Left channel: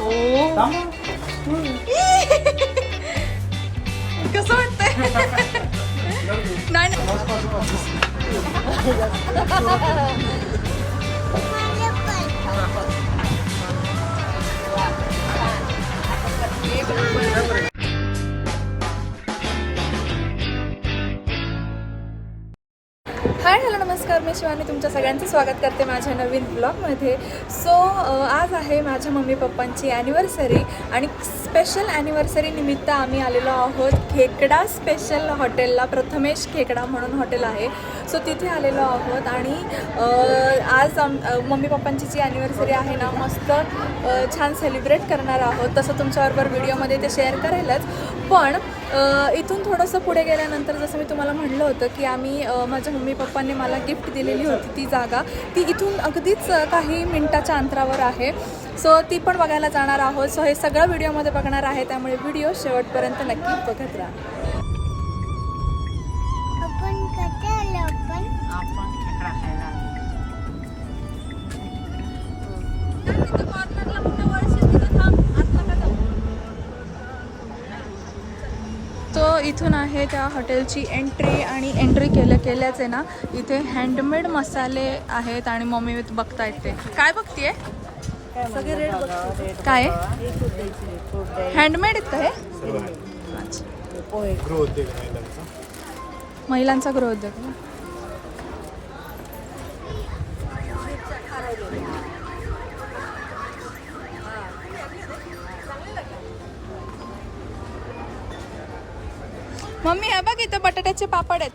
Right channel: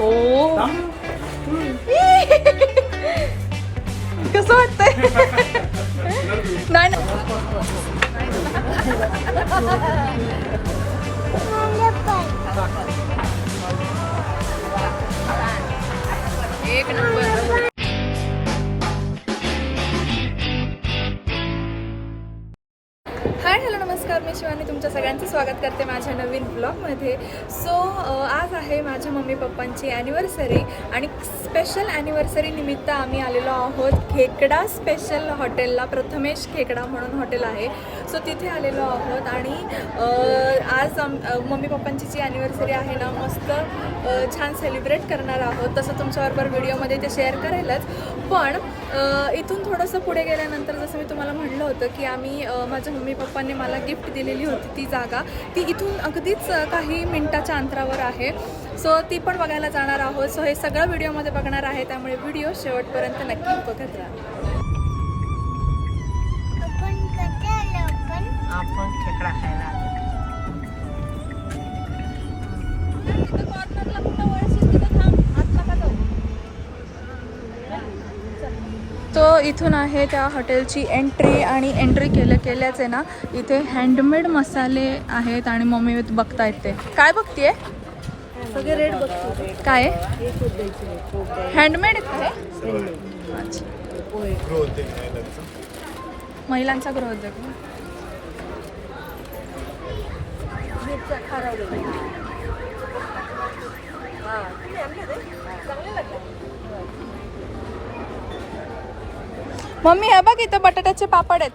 ओ कसं वाटतंय? नाही एक नंबर. हाय हॅलो नमस्कार, मी शिवानी तुमच्या सगळ्यांचं स्वागत करते माझ्या नवीन ब्लॉगमध्ये. सो आज आहे माझ्या मम्मी पप्पांची ॲनिव्हर्सरी आणि स्पेशल ॲनिव्हर्सरी निमित्त आम्ही आलेलो आहोत खेकडा स्पेशल हॉटेलला. प्रथमेश खेकडा म्हणून हॉटेल आहे, सो तिथे आलेलो आहोत. आणि आज मम्मी पप्पांची जी ॲनिव्हर्सरी आहे ना, मस्त छान सेलिब्रेट करणार आहोत. तसं तुमच्याबरोबर व्हिडिओमध्ये ते शेअर करायलाच, पण इथून थोडंसं पुढे गेल्यानंतर जसं मी तुम्हाला म्हणलं होतं की आम्ही माझ्या मम्मी पप्पांनी मला गिफ्ट दिलेली होती ती जागा, ती इथून अगदीच काही मिनटाच्या अंतरावर आहे. सो ती पण बघायला जाणार आहोत. सो हे सगळं व्हिडिओमध्ये बघणार आहे, त्यामुळे व्हिडिओ शेवटपर्यंत नक्की बघत राहा. तो इथून आहे त्या हॉटेलची एंट्री, आणि एंट्री केल्याच आहे ना, इथे हँडमेड मसाले आहेत. आणि मम्मी बघतायत ते काय बघतीये, सगळे रेट बघतो. काय हँडमेड आहेत का हे? अच्छा, महिलांचा गृहोद्योग. मम्मी हे बघ, इथं बटाट्याचे पापड आहेत.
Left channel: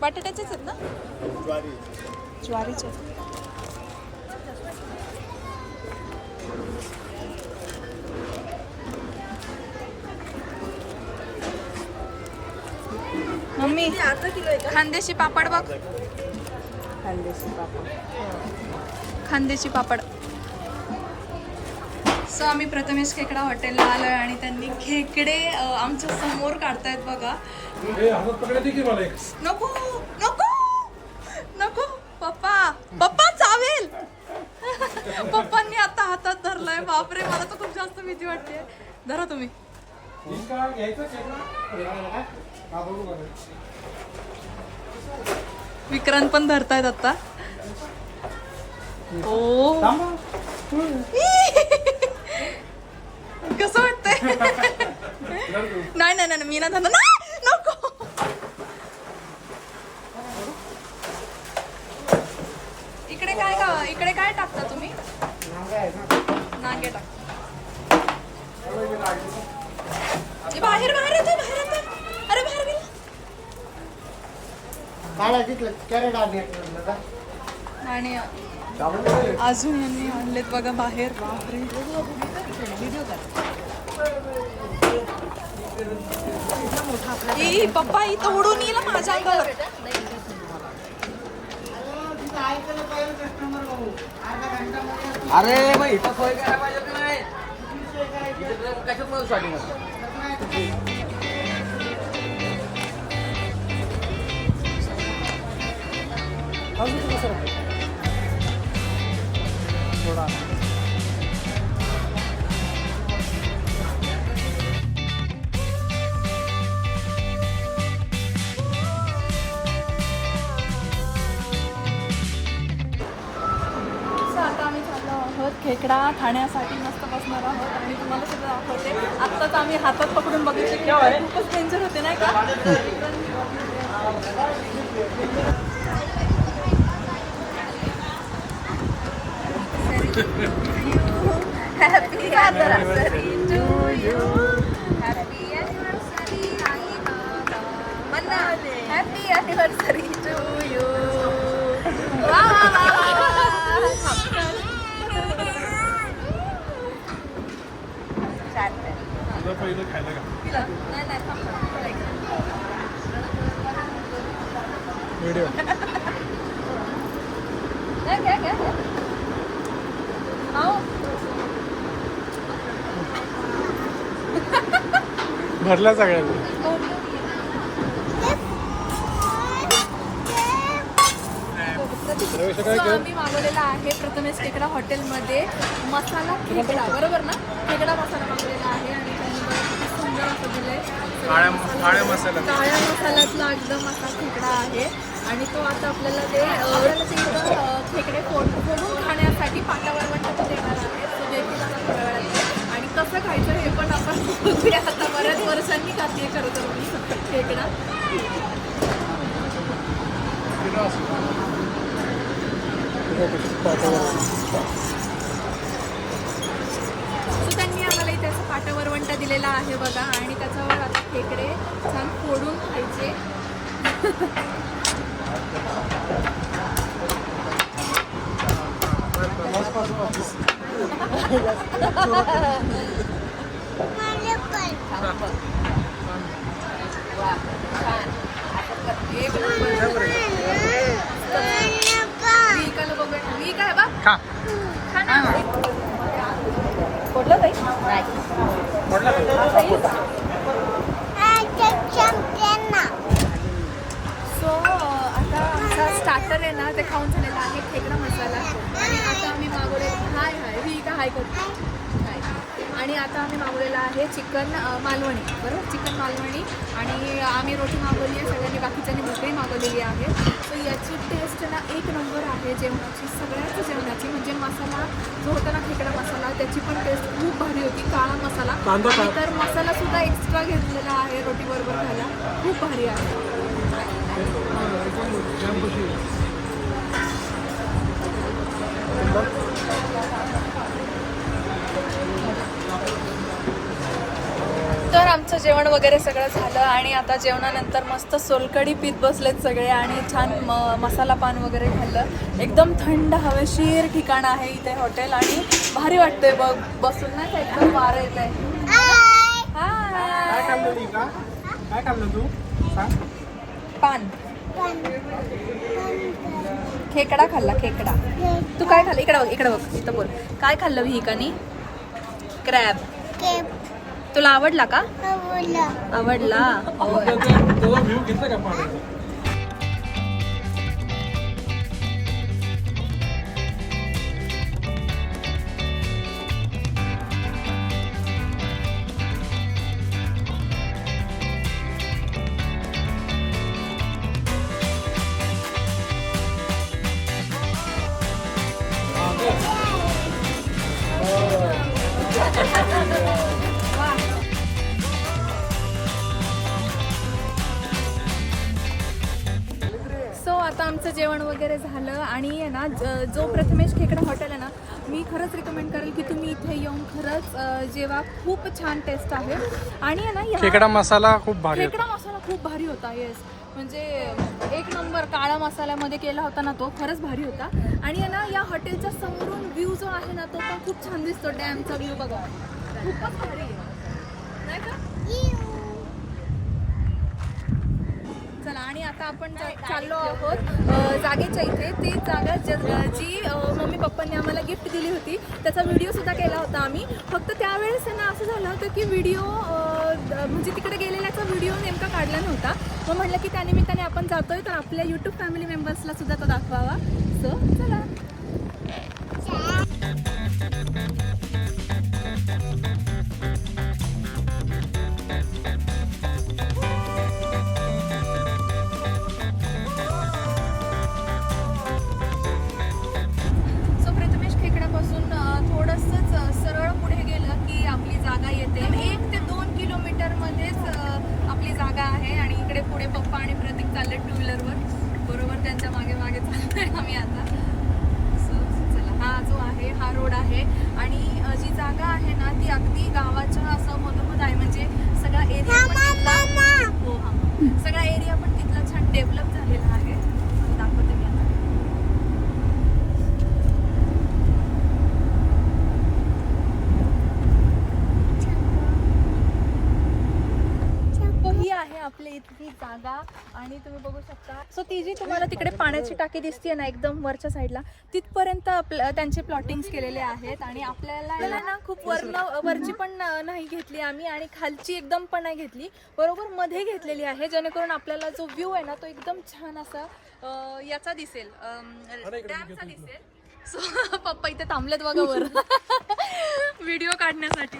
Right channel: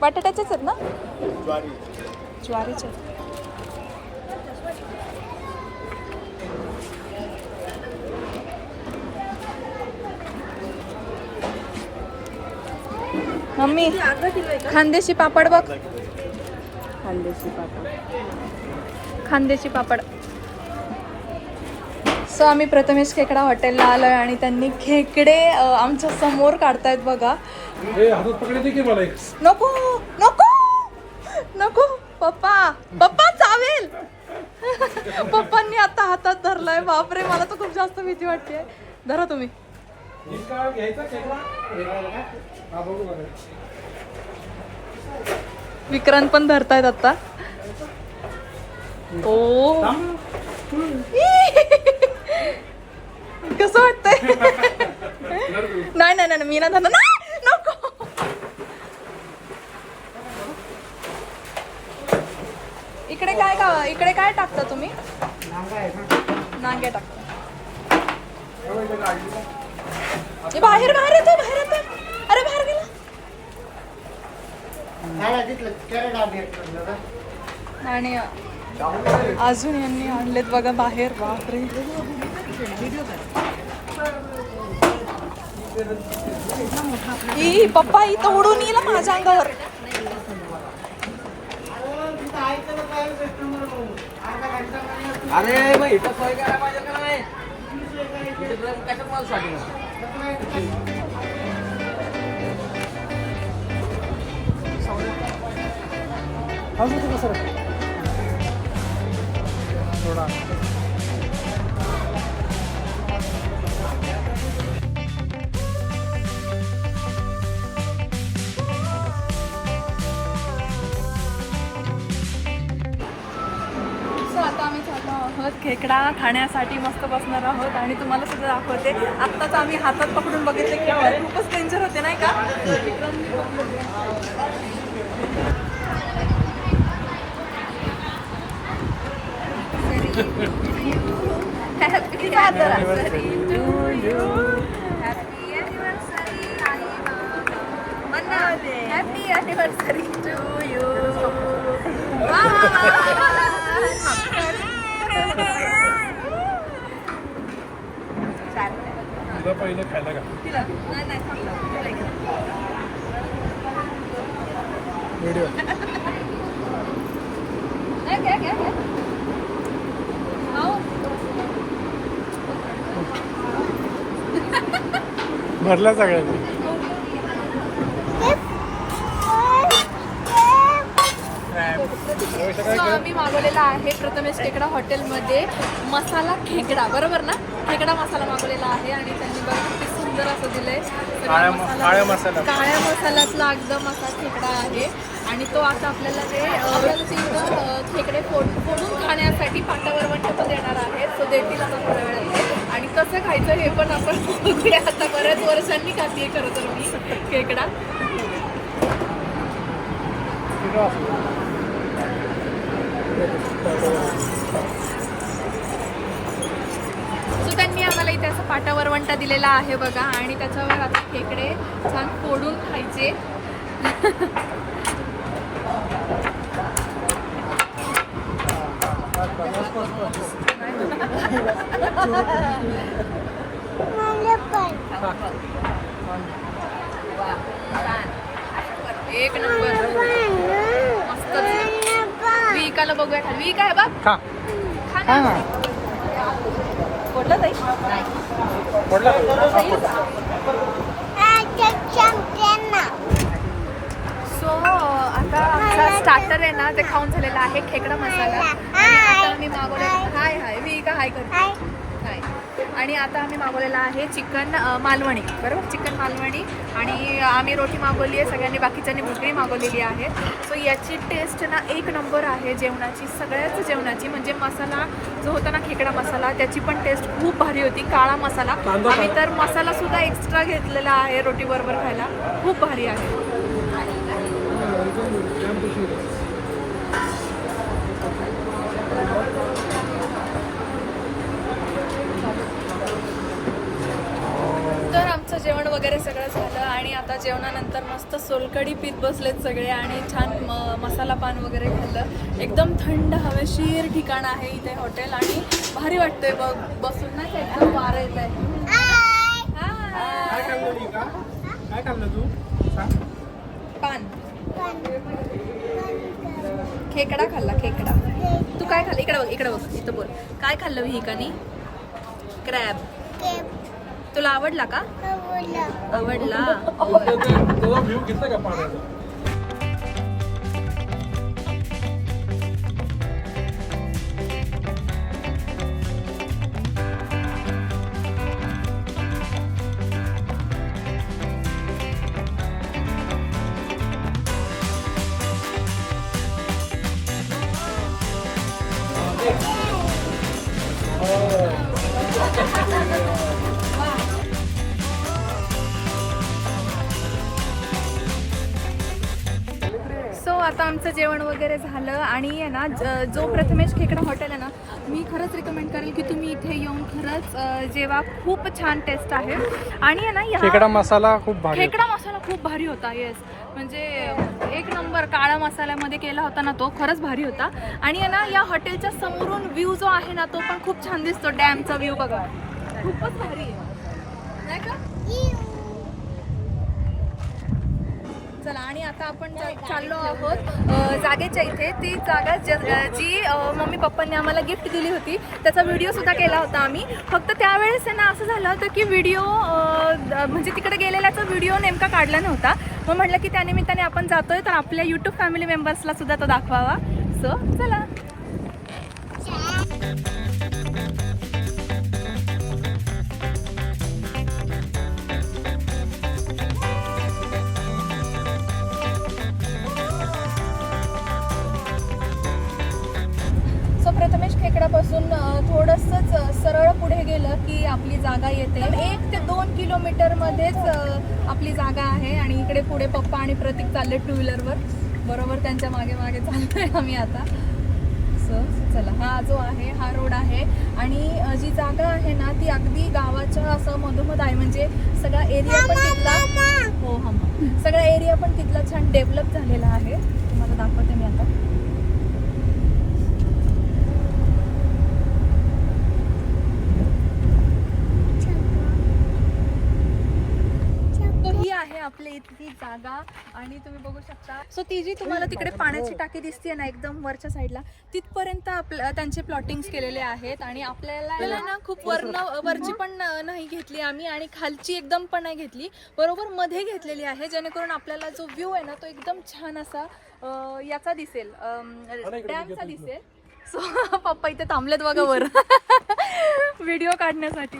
बटाट्याचेच आहेत ना? ज्वारीचे. मम्मी अर्धा किलो आहे का? खानदेशी पापड बघ, खानदेशी पापड. खानदेशी पापड. सो आम्ही प्रथमेश खेकडा हॉटेलला आलोय आणि त्यांनी खेकडे आमच्या समोर काढतायत बघा. नको नको नको पप्पा, पप्पा चावेल. पप्पांनी आता हातात धरलाय. बापरे, मला तर खूप जास्त भीती वाटते. धरा तुम्ही. विक्रांत पण धरतायत आता. ओ कसं वाटतंय? नाही नाही नाही, मी ना धरणार. नको. इकडे काय टाकता तुम्ही? नांगे टाकता. बाहेर येतो. अरे बाहेर गेला. आणि अजून यांनी आणलेत बघा बाहेर. बापरे, पप्पा इथं उडून येईल माझ्या अंगावर. अरे मग इथं सोय करायला पाहिजे का नाही? कशात मला स्टार्टिंग थोडा खेकडा खाण्यासाठी मस्त बसणार आहोत आणि तुम्हाला सगळं दाखवते. आत्ताच आम्ही हातात पकडून बघितले की खूपच डेंजर होते नाही का? Happy anniversary to you. Happy anniversary to you. पहिलं खायला का व्हिडिओ भरला सगळ्यांनी. सो आम्ही मागवलेला आहे प्रथमेश खेकडा हॉटेलमध्ये मसाला खेकडा, बरोबर ना? खेकडा मसाला मागवलेला आहे आणि त्यांनी बघा किती सुंदर असं दिलंय. काळ्या मसाल्यातला एकदम असा खेकडा आहे आणि तो आता आपल्याला ते इथं खेकडे फोडून खाण्यासाठी पाटावर वरवंटा देणार आहे. तो देतील आता थोड्या वेळात आणि कसं खायचं हे पण आपण बघूया. आता बऱ्याच वर्षांनी खाते खरं तर मी खेकडा. सो त्यांनी आम्हाला इथे असं पाटावर वंटा दिलेला आहे बघा आणि त्याच्यावर आता खेकडे छान फोडून खायचे. एक नंबर. विकायला बघूया. वीक आहे बा खा फोडलं ताई? सो आता आमचा स्टार्टर आहे ना ते खाऊन झालेला आहे खेकडा मसाला आणि आता आम्ही मागवलेला हाय विका हाय करतो हाय आणि आता आम्ही मागवलेला आहे चिकन मालवणी, बरोबर? चिकन मालवणी आणि आम्ही रोटी मागवली आहे, सगळ्यांनी बाकीच्यांनी भाकरी मागवलेली आहे. सो याची टेस्ट ना एक नंबर आहे जेवणाची, सगळ्याच जेवणाची. म्हणजे मसाला जो होता ना खेकडा मसाला त्याची पण टेस्ट खूप भारी होती. काळा मसाला आम्ही तर मसालासुद्धा एक्स्ट्रा घेतलेला आहे रोटी बरोबर खायला, खूप भारी आहे. तर आमचं जेवण वगैरे सगळं झालं आणि आता जेवणानंतर मस्त सोलकढी पीत बसलेत सगळे आणि छान मसाला पान वगैरे खाल्लं. एकदम थंड हवेशीर ठिकाण आहे इथे हॉटेल आणि भारी वाटतंय बघ बसून ना, एकदम वारं येत आहे. काय खाल्लं तू सांग? पान खेकडा खाल्ला. खेकडा तू काय खाल्लं? इकडे बघ इथं बोल. काय खाल्लं विहिकानी? क्रॅब. तुला आवडला का? आवडला. सो आता आमचं जेवण वगैरे झालं आणि आहे ना जो प्रथमेश खेकडा हॉटेल आहे ना, मी खरंच रिकमेंड करेल की तुम्ही इथे येऊन खरंच जेवा. खूप छान टेस्ट आहे आणि आहे ना खेकडा मसाला खूप भारी खेकडा मसाला खूप भारी होता. येस, म्हणजे एक नंबर काळ्या मसाल्यामध्ये केला होता ना तो, खरंच भारी होता. आणि आहे ना या हॉटेलच्या समोरून व्ह्यू जो आहे ना तो पण खूप छान दिसतो. डॅमचा व्ह्यू बघा, खूपच भारी आहे नाही का? चला आणि आता आपण चाललो आहोत जागेच्या इथे. ती जागा जी मम्मी पप्पांनी आम्हाला गिफ्ट दिली होती त्याचा व्हिडिओ सुद्धा केला होता आम्ही. फक्त त्यावेळेस आहे ना असं झालं होतं की व्हिडिओ म्हणजे तिकडे गेलेल्याचा व्हिडिओ नेमका काढला नव्हता. मग म्हटलं की त्यानिमित्ताने आपण जातोय तर आपल्या यूट्यूब फॅमिली मेंबर्सला सुद्धा तो दाखवावा. सो चला. प्रथमेश खेकड्यापासून थोडंसंच सरळ पुढे गेलं की आपली जागा येते. 1 ते 2 किलोमीटरमध्येच आपली जागा आहे आणि इकडे पुढे पप्पा आणि प्रतीक चालले टू व्हीलरवर, बरोबर त्यांच्या मागे मागे चाललोय आम्ही आता. सो चला, हा जो आहे हा रोड आहे आणि जी जागा आहे ना ती अगदी गावाच्या असं मधोमध आहे. म्हणजे सगळा एरिया पण तिथला सगळा एरिया पण तिथला छान डेव्हलप झालेला आहे. मला दाखवते मी आता. ही आहे आपल्या इथली जागा आणि तुम्ही बघू शकता. सो ती जी तुम्हाला तिकडे पाण्याची टाकी दिसते ना एकदम वरच्या साईडला, तिथपर्यंत त्यांचे प्लॉटिंग्स केलेले आहेत. आणि आपल्याला ना खूप वरची पण नाही घेतली आम्ही आणि खालची एकदम पण नाही घेतली, बरोबर मध्ये घेतलेली आहे जेणेकरून आपल्याला जो व्ह्यू आहे ना तो एकदम छान असा याचा दिसेल डॅमचा दिसेल. सो पप्पा इथे थांबलेत बघा वर व्हिडिओ काढण्यासाठी.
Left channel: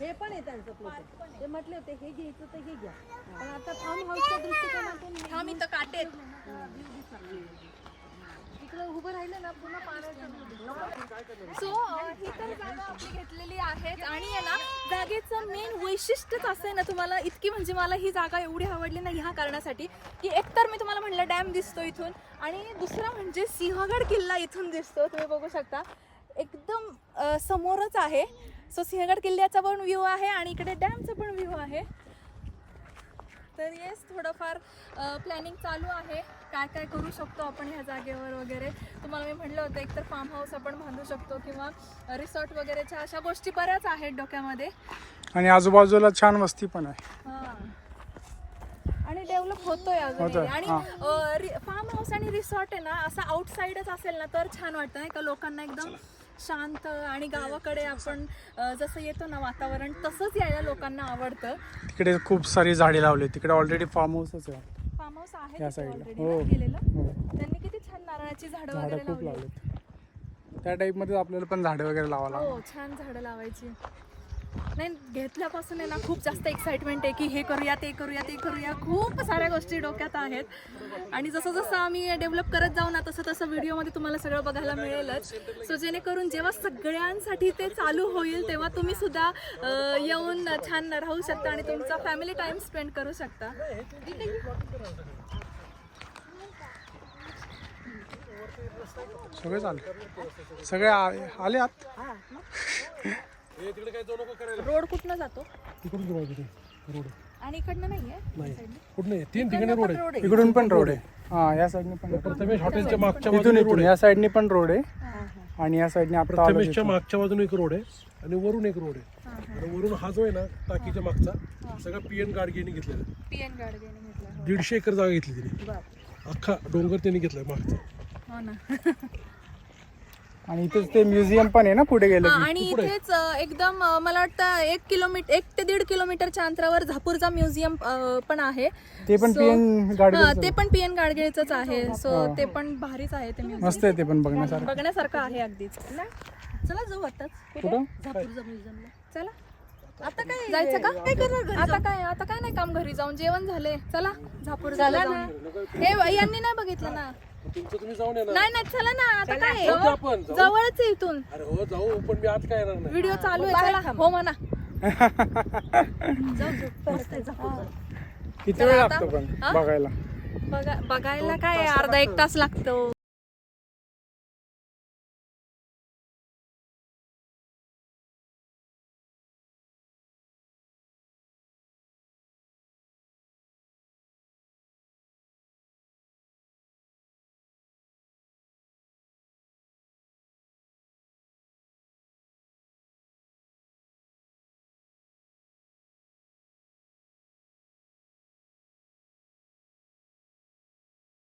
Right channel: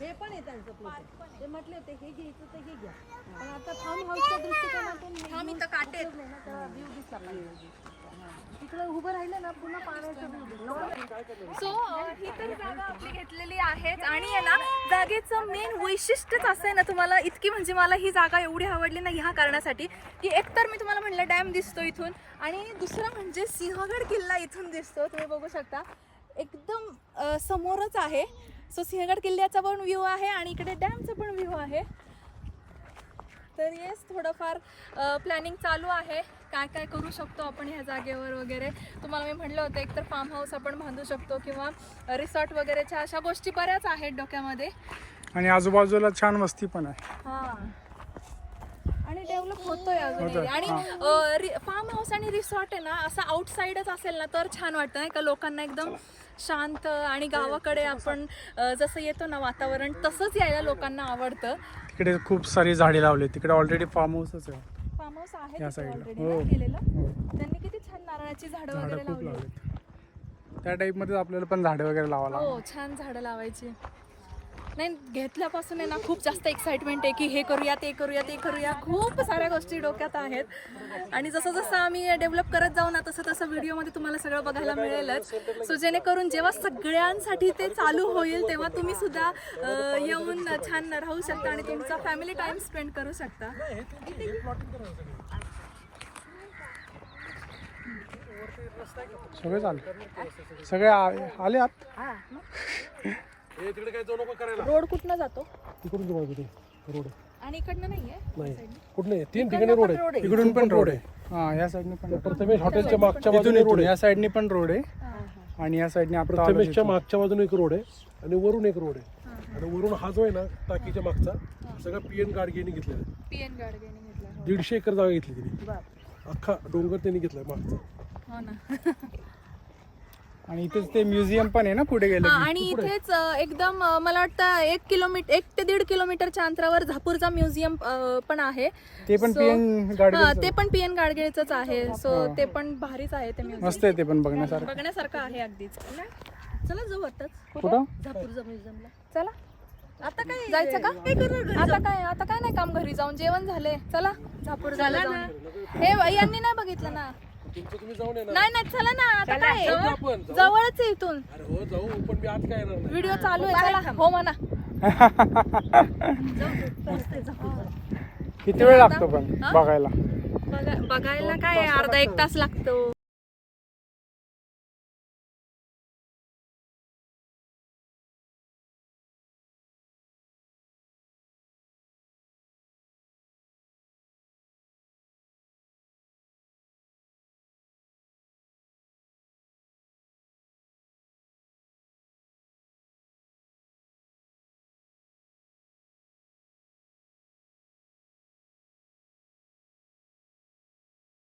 हे पण आहे त्यांचं प्लॉटिंग. ते म्हटले होते हे घ्यायचं तर हे घ्या, पण आता फार्म हाऊसच्या दृष्टिकोनातून हे हा मी तर काटेत. व्ह्यू दिसला तिकडे उभं राहिलं ना पुन्हा पाण्याचं. सो ही तर जागा आपली घेतलेली आहेच आणि आहे ना जागेचं मेन वैशिष्ट्यच असं आहे ना, तुम्हाला इतकी म्हणजे मला ही जागा एवढी आवडली ना ह्या कारणासाठी की एकतर मी तुम्हाला म्हणलं डॅम दिसतो इथून आणि दुसरं म्हणजे सिंहगड किल्ला इथून दिसतो. तुम्ही बघू शकता एकदम समोरच आहे. सो सिंहगड किल्ल्याचा पण व्ह्यू आहे आणि इकडे डॅमचा पण व्ह्यू आहे. तर येस थोडंफार प्लॅनिंग चालू आहे काय काय करू शकतो आपण ह्या जागेवर वगैरे. तुम्हाला मी म्हणलं होतं एकतर फार्म हाऊस आपण बांधू शकतो किंवा रिसॉर्ट वगैरेच्या अशा गोष्टी बऱ्याच आहेत डोक्यामध्ये. आणि आजूबाजूला छान वस्ती पण आहे. हां आणि डेव्हलप होतोय अजून होतोय, area. आणि फार्म हाऊस आणि रिसॉर्ट आहे ना असं आउटसाईडच असेल ना तर छान वाटतं नाही का, लोकांना एकदम शांत आणि गावाकडे आपण जसं येतो ना वातावरण तसंच यायला लोकांना आवडतं. तिकडे खूप सारी झाडे लावली. तिकडे ऑलरेडी फार्म हाऊसच आहे. फार्म हाऊस आहे या तिथे साईडला. already हो. ना केलेलं. हो. त्यांनी किती छान नारळाची झाडं झाडं वगैरे खूप लावली. लावलेत. त्या टाईप मध्ये आपल्याला पण झाडे वगैरे लावायला. हो छान झाडं लावायची. नाही घेतल्यापासून आहे ना खूप जास्त एक्साइटमेंट आहे की हे करूया ते करूया ते करूया. खूप साऱ्या गोष्टी डोक्यात आहेत आणि जसं जसं आम्ही डेव्हलप करत जाऊ ना तसं तसं व्हिडिओमध्ये तुम्हाला सगळं बघायला मिळेलच. सो जेणेकरून जेव्हा सगळ्यांसाठी ते चालू होईल तेव्हा तुम्ही सुद्धा येऊन छान राहू शकता आणि तुमचा फॅमिली टाइम स्पेंड करू शकता. सगळे चालले. सगळे आले आत. रोड कुठनं जातो आणि इकडनं नाहीये इकडून पण रोड आहे. हा या साईडने पण हॉटेलच्या मागच्या इथून इथून या साईडने पण रोड आहे आणि या साईडने आता आलो प्रथमेशच्या मागच्या बाजूने एक रोड आहे आणि वरून एक रोड आहे. आणि वरून हा जो आहे ना टाकीच्या मागचा सगळा पीएन गाडगेने घेतलेला. पीएन गाडगेने घेतला. 150 एकर जागा घेतली तिने. अख्खा डोंगर त्यांनी घेतलाय मागचा. हो ना. आणि इथेच ते म्युझियम पण आहे ना पुढे गेलं की. आणि इथेच एकदम मला वाटतं 1 ते 1.5 किलोमीटरच्या अंतरावर झापूरचा म्युझियम पण आहे. ते पण पीएन हा, गाडगे ते पण पीएन गाडगेचंच आहे. सो ते पण भारीच आहे ते म्युझियम. मस्त आहे ते पण बघण्यासारखं. बघण्यासारखं आहे अगदीच. चला जाऊ आताच. कुठं झापूरचा म्युझियमला चला आता काय जायचं का? आता काय नाही काम, घरी जाऊन जेवण झाले. चला झापूर झालं जाऊन. हे यांनी नाही बघितलं ना. तुम्ही जाऊन या ना. नाही चला ना आता काय आपण जवळच आहे इथून. अरे हो जाऊ पण मी आज काय येणार नाही. व्हिडिओ चालू आहे. चला हो म्हणा. किती वेळ लागतो पण बघायला? बघायला काय अर्धा 1 तास लागतो.